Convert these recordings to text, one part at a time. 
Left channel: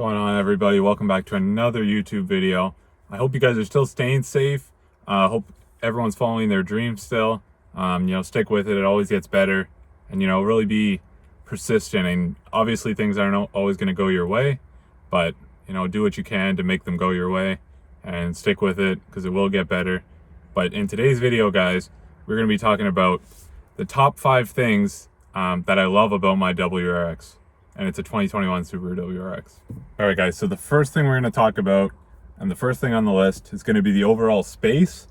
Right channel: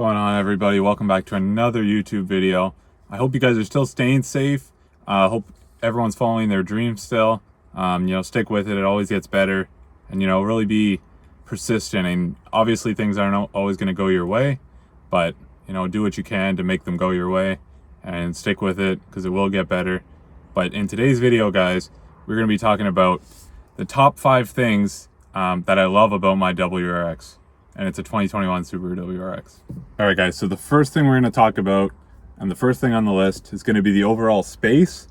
Going on, everybody? Welcome back to another YouTube video. I hope you guys are still staying safe. Hope everyone's following their dreams still. Stick with it. It always gets better, and really be persistent. And obviously things aren't always going to go your way, but do what you can to make them go your way and stick with it, because it will get better. But in today's video, guys, we're going to be talking about the top 5 things that I love about my WRX. And it's a 2021 Subaru WRX. All right, guys, so the first thing we're going to talk about, and the first thing on the list, is going to be the overall space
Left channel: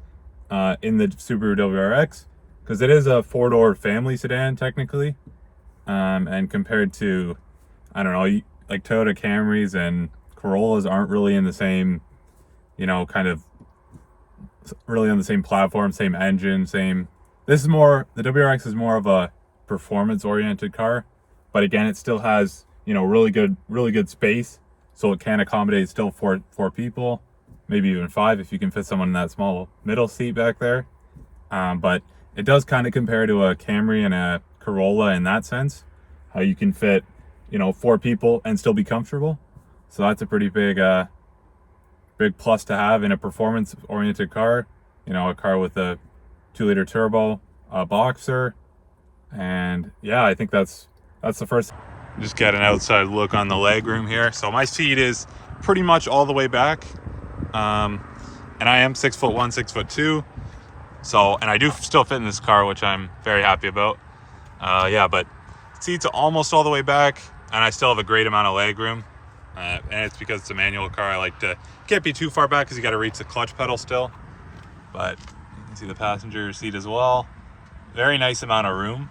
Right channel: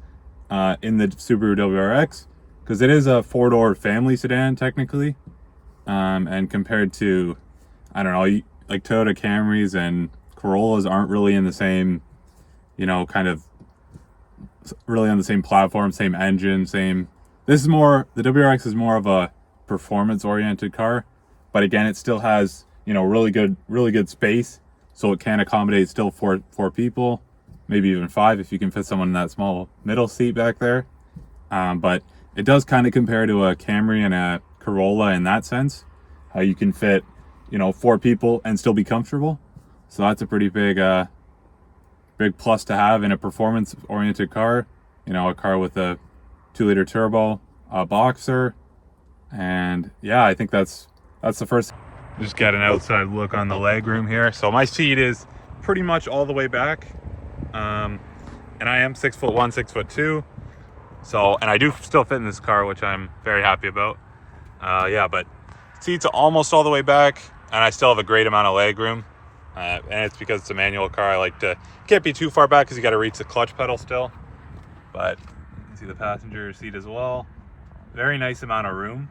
in the Subaru WRX, because it is a 4-door family sedan technically, and compared to, I don't know, like Toyota Camrys and Corollas aren't really in the same, really on the same platform, same engine, same. The WRX is more of a performance-oriented car. But again, it still has, really good space, so it can accommodate still four people, maybe even 5 if you can fit someone in that small middle seat back there. But it does kind of compare to a Camry and a Corolla in that sense, how you can fit, 4 people and still be comfortable. So that's a pretty big plus to have in a performance-oriented car. A car with a 2-liter turbo, boxer, and yeah, I think that's the first. Just get an outside look on the legroom here. So my seat is pretty much all the way back, and I am 6'1", 6'2". So, and I do still fit in this car, which I'm very happy about. But seats are almost all the way back, and I still have a great amount of legroom. And it's because it's a manual car. I like to can't be too far back because you got to reach the clutch pedal still. But you can see the passenger seat as well. Very nice amount of room.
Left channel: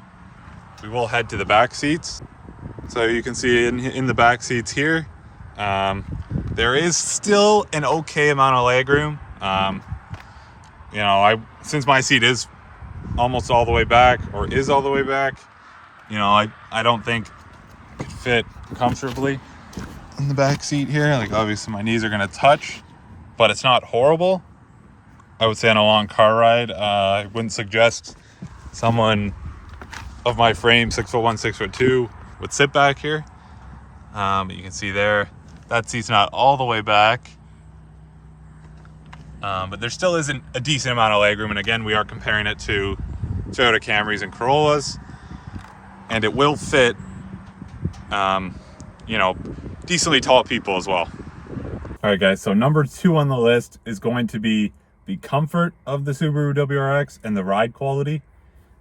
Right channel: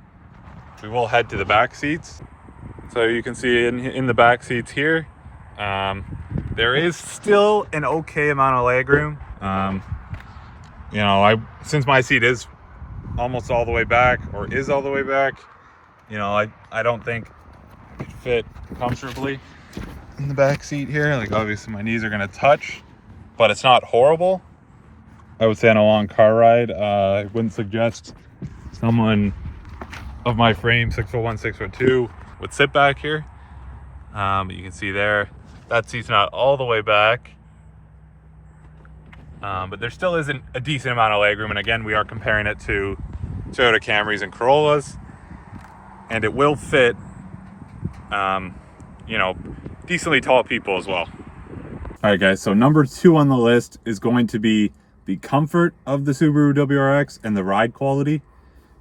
We will head to the back seats. So you can see in the back seats here, there is still an okay amount of legroom. Since my seat is almost all the way back, or is all the way back, I don't think I could fit comfortably in the back seat here. Like, obviously my knees are gonna touch, but it's not horrible. I would say on a long car ride, I wouldn't suggest someone of my frame, 6'1", 6'2", would sit back here. But you can see there, that seat's not all the way back. But there still isn't a decent amount of legroom. And again, we are comparing it to Toyota Camrys and Corollas. And it will fit, decently tall people as well. All right, guys, so number 2 on the list is going to be the comfort of the Subaru WRX and the ride quality.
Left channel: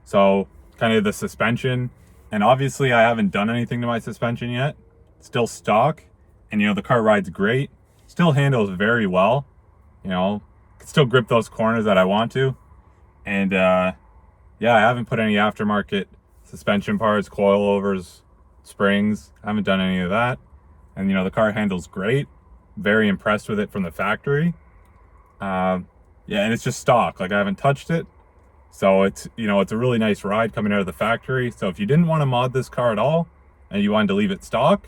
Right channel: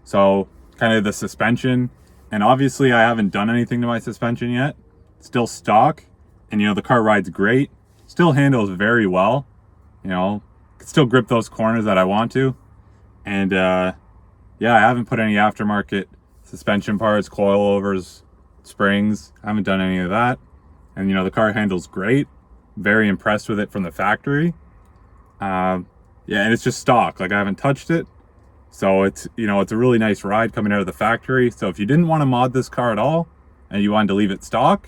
So kind of the suspension, and obviously I haven't done anything to my suspension yet. Still stock, and the car rides great, still handles very well, can still grip those corners that I want to. And I haven't put any aftermarket suspension parts, coilovers, springs. I haven't done any of that. And the car handles great. Very impressed with it from the factory. And it's just stock, like I haven't touched it. So it's, it's a really nice ride coming out of the factory. So if you didn't want to mod this car at all and you wanted to leave it stock,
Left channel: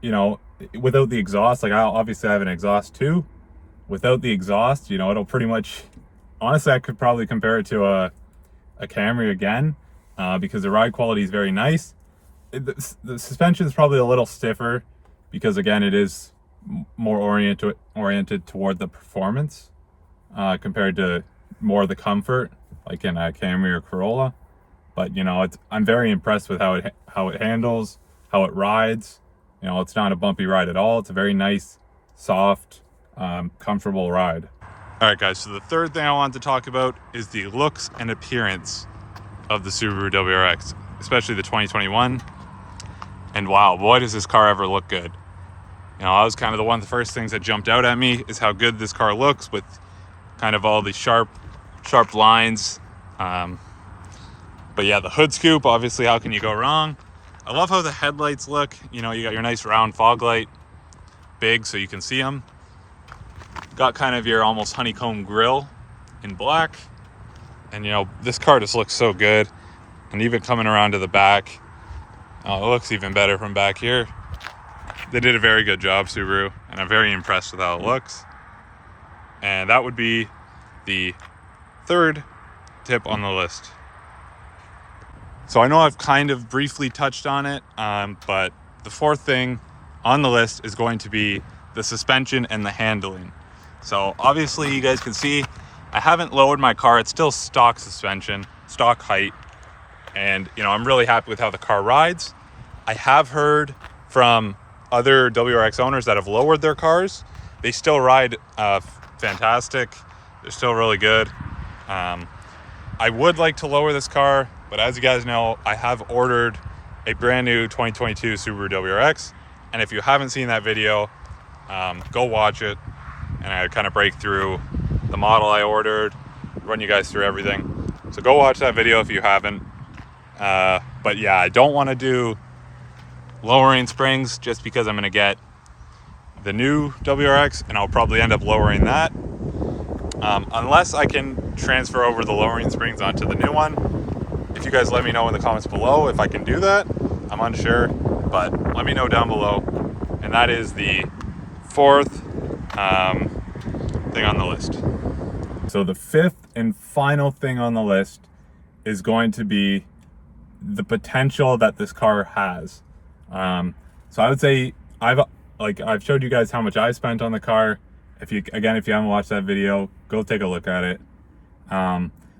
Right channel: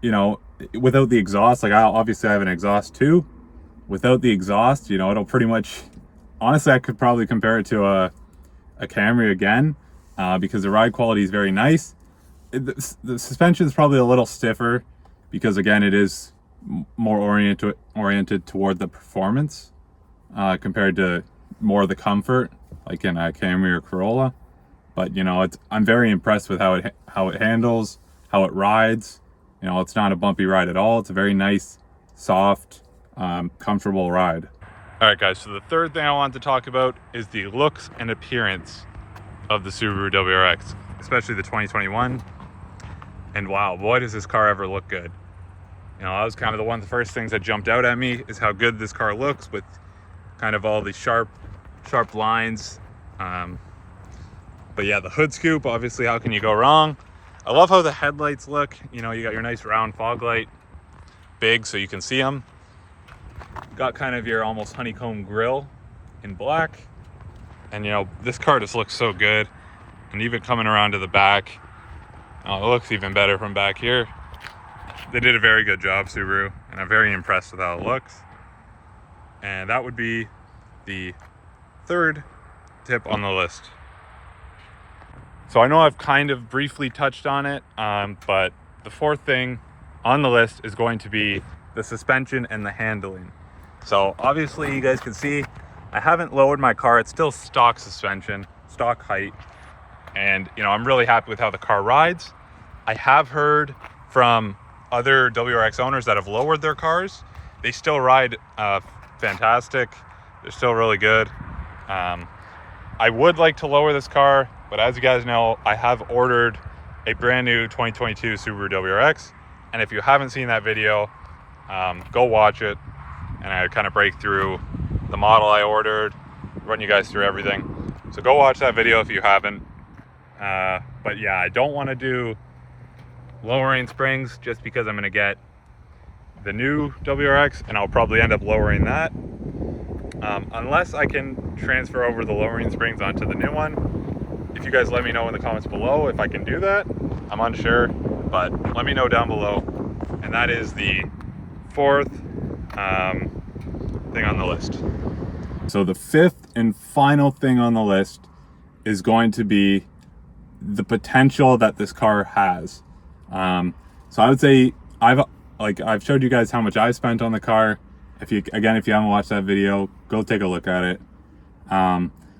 without the exhaust, like obviously I have an exhaust too. Without the exhaust, it'll pretty much, honestly, I could probably compare it to a Camry again, because the ride quality is very nice. The suspension is probably a little stiffer because, again, it is more oriented toward the performance compared to more of the comfort, like in a Camry or Corolla. But I'm very impressed with how it handles, how it rides. It's not a bumpy ride at all. It's a very nice, soft, comfortable ride. All right, guys, so the third thing I wanted to talk about is the looks and appearance of the Subaru WRX, especially the 2021. And wow, boy, does this car ever look good. That was kind of one of the first things that jumped out at me, is how good this car looks with kind of all the sharp lines. But yeah, the hood scoop, obviously, how can you go wrong? I love how the headlights look. You got your nice round fog light, big so you can see them. Got kind of your almost honeycomb grille in black. And this car just looks so good. And even coming around to the back, it looks even better from back here. They did a very good job, Subaru, and I'm very impressed with how it looks. And that would be the third tip on the list. So I know I've kind of briefly touched on it, but the fourth thing on the list is going to be the suspension and the handling. So obviously you guys can see I haven't lowered my car. It's still stock suspension, stock height. And you know, I'm really happy with how the car rides. I have heard from other WRX owners that have lowered their cars. They still ride fantastic. They're still really good. I would like to lower this car, but as you guys know, I have ordered a brand new 2022 Subaru WRX. And if you haven't seen that video, go watch it. And I kind of break through the model I ordered, run you guys through everything. So go watch that video if you haven't. But yeah, I don't want to do lowering springs just because I'm going to get the new WRX and I'll probably end up lowering that. Unless I can transfer over the lowering springs onto the new one. If you guys let me know in the comments below if I can do that. I'm unsure, but let me know down below. And that is the fourth thing on the list. So the fifth and final thing on the list is going to be the potential that this car has. So I would say I've showed you guys how much I've spent on the car. If you haven't watched that video, go take a look at it.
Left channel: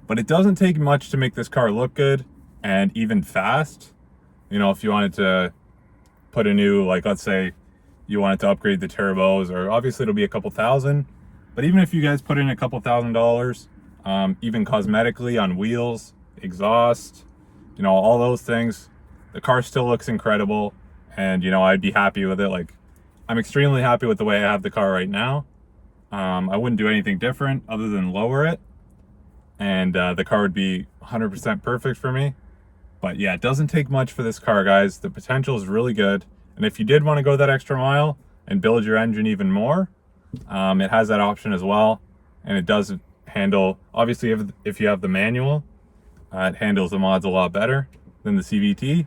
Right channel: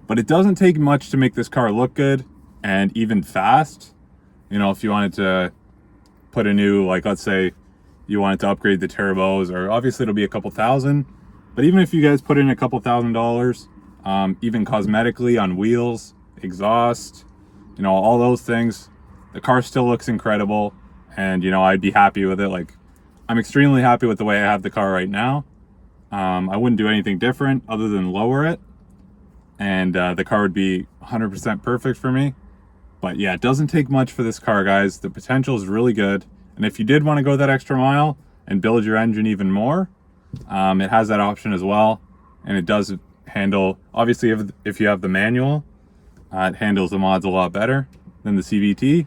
But it doesn't take much to make this car look good and even fast. You know, if you wanted to put a new, like, let's say you wanted to upgrade the turbos, or obviously it'll be a couple thousand, but even if you guys put in a couple $1,000s, even cosmetically on wheels, exhaust, you know, all those things, the car still looks incredible. And you know, I'd be happy with it. Like, I'm extremely happy with the way I have the car right now. I wouldn't do anything different other than lower it, and the car would be 100% perfect for me. But yeah, it doesn't take much for this car, guys. The potential is really good, and if you did want to go that extra mile and build your engine even more, it has that option as well. And it does handle, obviously if you have the manual, it handles the mods a lot better than the CVT.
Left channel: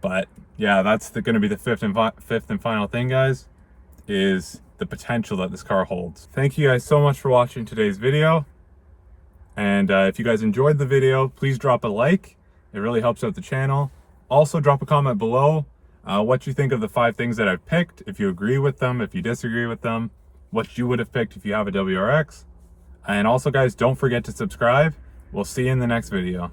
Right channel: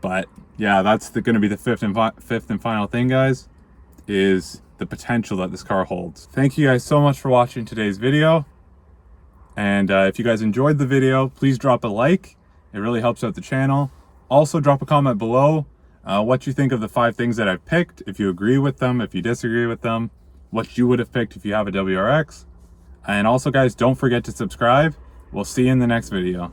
But yeah, that's going to be the fifth and final thing, guys, is the potential that this car holds. Thank you guys so much for watching today's video. And if you guys enjoyed the video, please drop a like. It really helps out the channel. Also, drop a comment below what you think of the 5 things that I've picked, if you agree with them, if you disagree with them, what you would have picked if you have a WRX. And also, guys, don't forget to subscribe. We'll see you in the next video.